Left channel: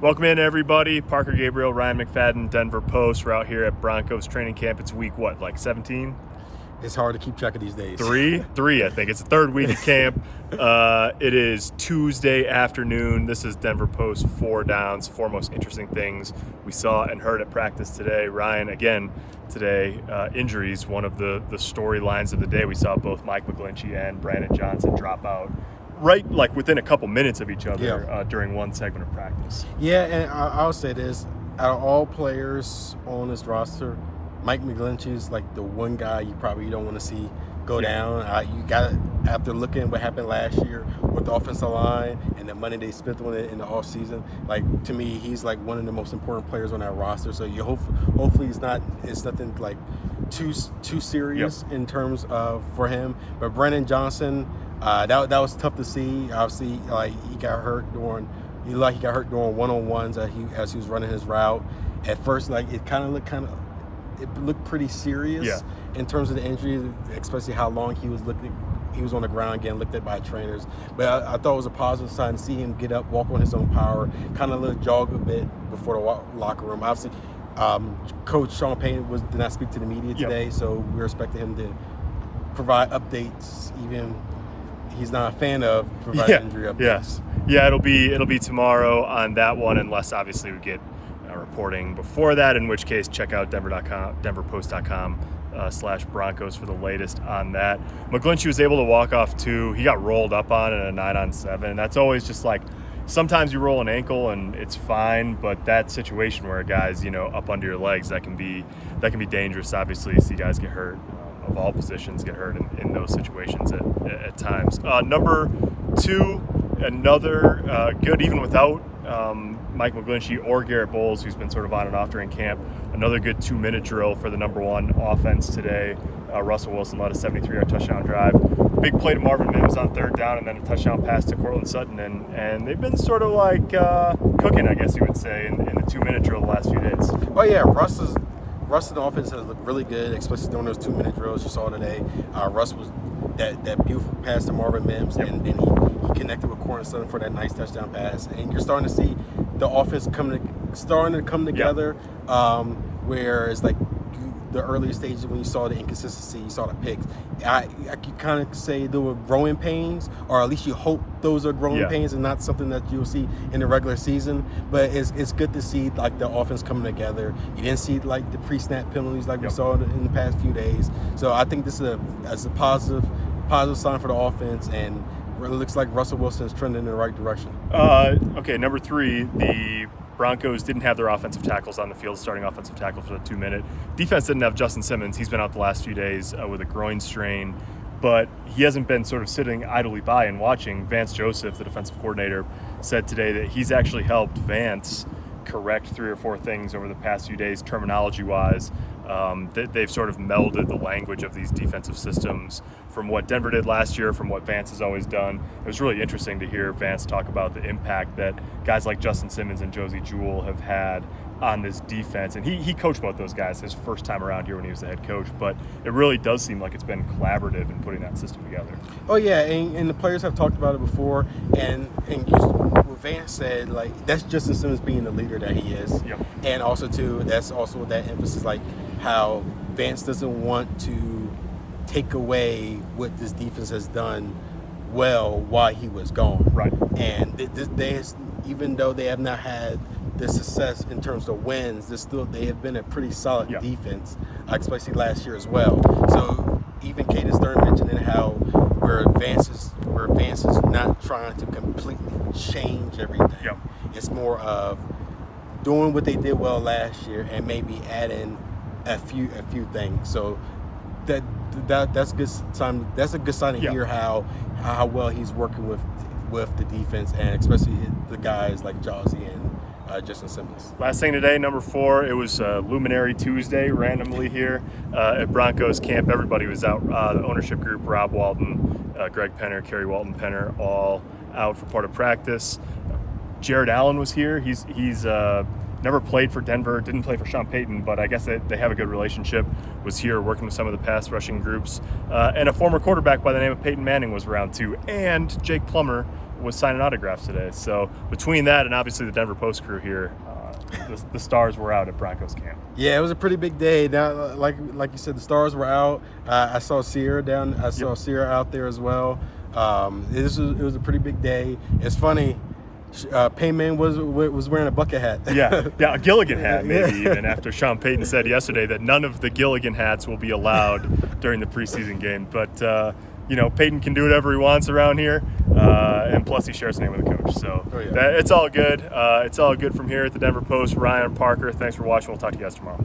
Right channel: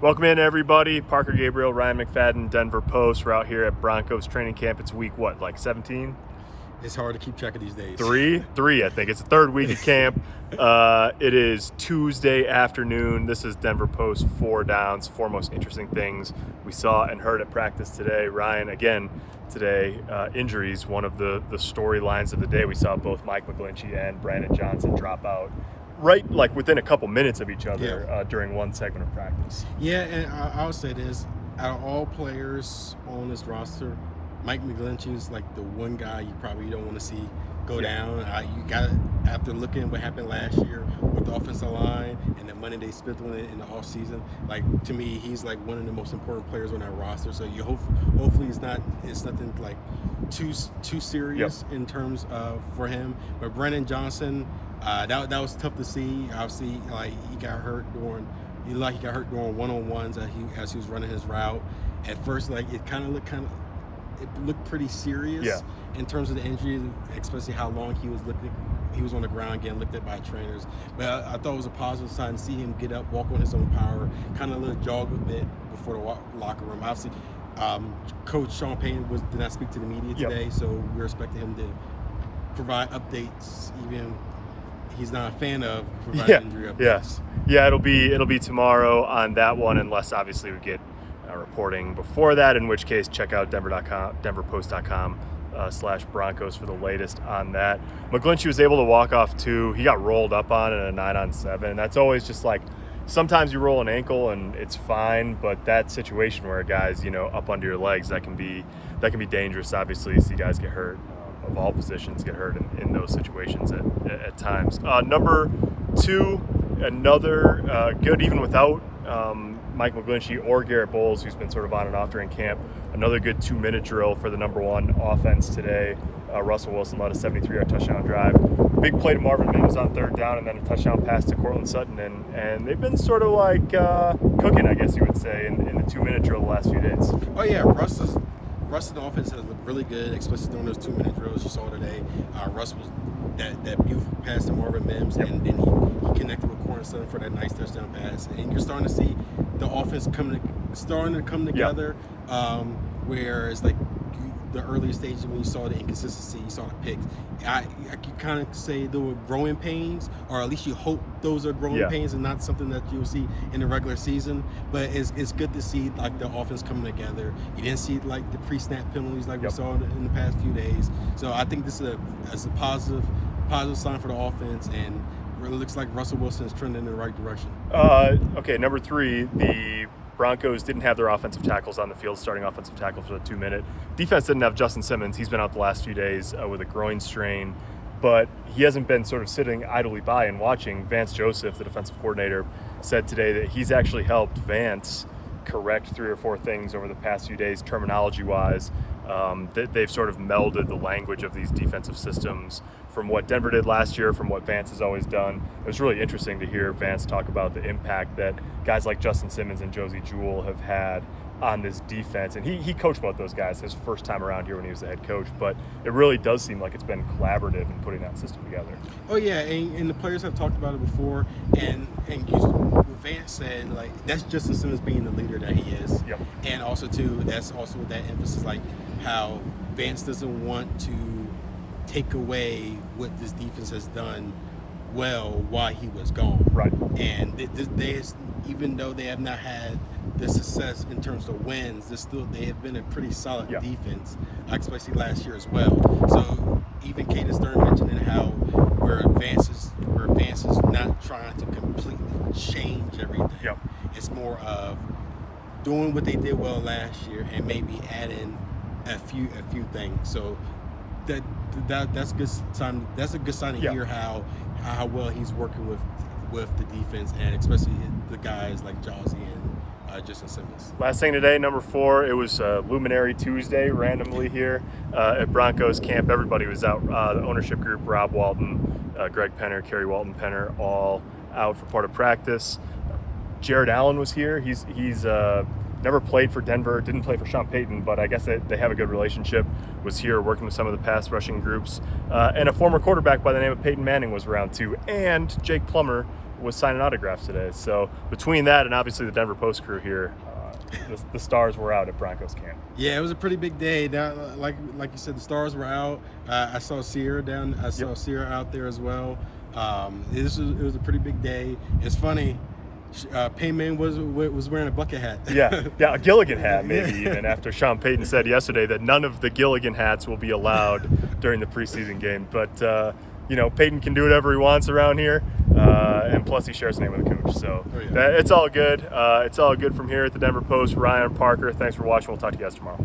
Welcome in, everybody. Parker Gabriel, Ryan McFadden, Denver Post. We're out here at Broncos training camp. It's week, 17? It's hard to keep track of these days. Three, I think. It's the third week of camp. It is Tuesday afternoon. This is Denver Post 4 Downs, 4 most interesting things we saw and heard at practice today. Ryan, again, today, injuries, one of the storylines of the day. We saw both Mike McGlinchey and Brandon Johnson drop out right within a couple minutes of each other during one segment of practice. Yeah, and I'll say this. Out of all players on this roster, Mike McGlinchey is like the one guy you probably don't want to see go down. You got, after looking at what happened last year with the offensive line and the money they spent on it in the offseason, to me, he's like one of the most important players on that roster. So you hopefully it's nothing like too serious in terms of for him. But Brandon Johnson, that was tough to see. Obviously, he got hurt during one-on-ones as he was running his route. At first, it looked pretty serious in terms of the injury, especially how long he was on the ground getting looked at by trainers. But I thought it was a positive sign to see him get up, walk on his own power, kind of jog a bit before the locker room. Obviously, Coach Sean Payton did not speak to the media today, so we're expecting him to provide updates, even he's not a fan of providing injury updates. Yeah, it'll be tomorrow on that one, unless obviously we get reporting before that, in which case check out denverpost.com/Broncos for the latest on that. McGlinchey was able to walk off 2. He got rolled up on in a 9-on-7. That's always just sometimes you roll an ankle and it's fine, but that situation where a guy's up under your legs, that can be dangerous. Obviously, you see guys get hurt of all positions get hurt in those situations at times. Number 2, another good, even without Mike McGlinchey or Garrett Bowles, who's been sort of on and off during camp. Another good 2-minute drill for the number 1 offense today. Russell Wilson led a 73-yard touchdown drive. Big play to Marvin Mims on 3rd down, and then a touchdown pass to Cortland Sutton. And they've been sort of cooking, I guess you would say, in the 2-minute drill the last few days. Oh, yeah. Russ's offense has looked really good, especially during those 2-minute drills you saw today. Russ was that beautiful pass to Marvin Mims, and then he connected with Cortland Sutton for that nice touchdown pass. And you're starting to see the offense starting to come together, where it's the early stages when you saw the inconsistency, you saw the picks. I could kind of say there were growing pains, or at least you hope those are growing pains and not something that you'll see in the regular season. But it's good to see the offense coming together. You didn't see the pre-snap penalties we saw in the past few days. So I think this is a positive sign for the offense, and it looks like Russell Wilson is trending in the right direction. Okay, number 3, the Broncos didn't have their offensive tackles on the field, starting offensive tackle for the 2-minute. Defense didn't have Justin Simmons. He's been out the last few days with a groin strain, but he hasn't been sort of sitting idly by and watching. Vance Joseph, the defensive coordinator, said today that he's actually helped Vance correct 3 or 4 things over the past few days, terminology-wise. They've sort of melded the language of these defensive systems from what Denver did last year, from what Vance has always done. It was really interesting to hear Vance talk about the impact that guys like Justin Simmons and Josie Jewell have had on this defense. And he coached both those guys his first time around here when he was the head coach, but it really does seem like it's been collaborative in putting that system together. Oh, yeah, and the players have talked about it before, and what Vance said, that's Justin Simmons being the leader that he is. Yep. And also, too, that's also that emphasis, how Vance doesn't want to take away what this defense has done well while he was gone. Right. And even though they have not had the success in terms of wins, they have been a pretty solid defense, especially last year as well. So even Caden Stern mentioned how where Vance is not trying to completely change everything. Yep. It's more of doing what they did well last year and maybe adding a few things. So that's good sign. That's a good sign to hear how well he's working with the defense, and especially the guys like Josie and Justin Simmons. Last thing today, number 4, it was Luminary Tuesday randomly here at Broncos camp. Everybody was out. The ownership group, Rob Walton, Greg Penner, Kerry Walton Penner, all out for part of practice. Jared Allen was here. He's never played for Denver, didn't play for Sean Payton, but I guess they have a good relationship, was here working with some of the pass rushing groups. And a former quarterback by the name of Peyton Manning was around too. And Jake Plummer was signing autographs today. So between that and obviously the Denver Post crew here, the stars were out at Broncos camp. Yeah, it was a pretty big day. Now, like you said, the stars were out. I saw Sierra Sierra out there as well. It was a pretty big day. It's funny. Payman was wearing a bucket hat. Yeah, a Gilligan hat maybe even, after Sean Payton said yesterday that none of the Gilligan hats will be allowed during the preseason game. But, Payton can do whatever he wants around here, and plus he shares the name with the coach. So it's all good. It's all good from here at the Denver Post. Ryan, Parker, thanks for watching. We'll talk to you guys tomorrow.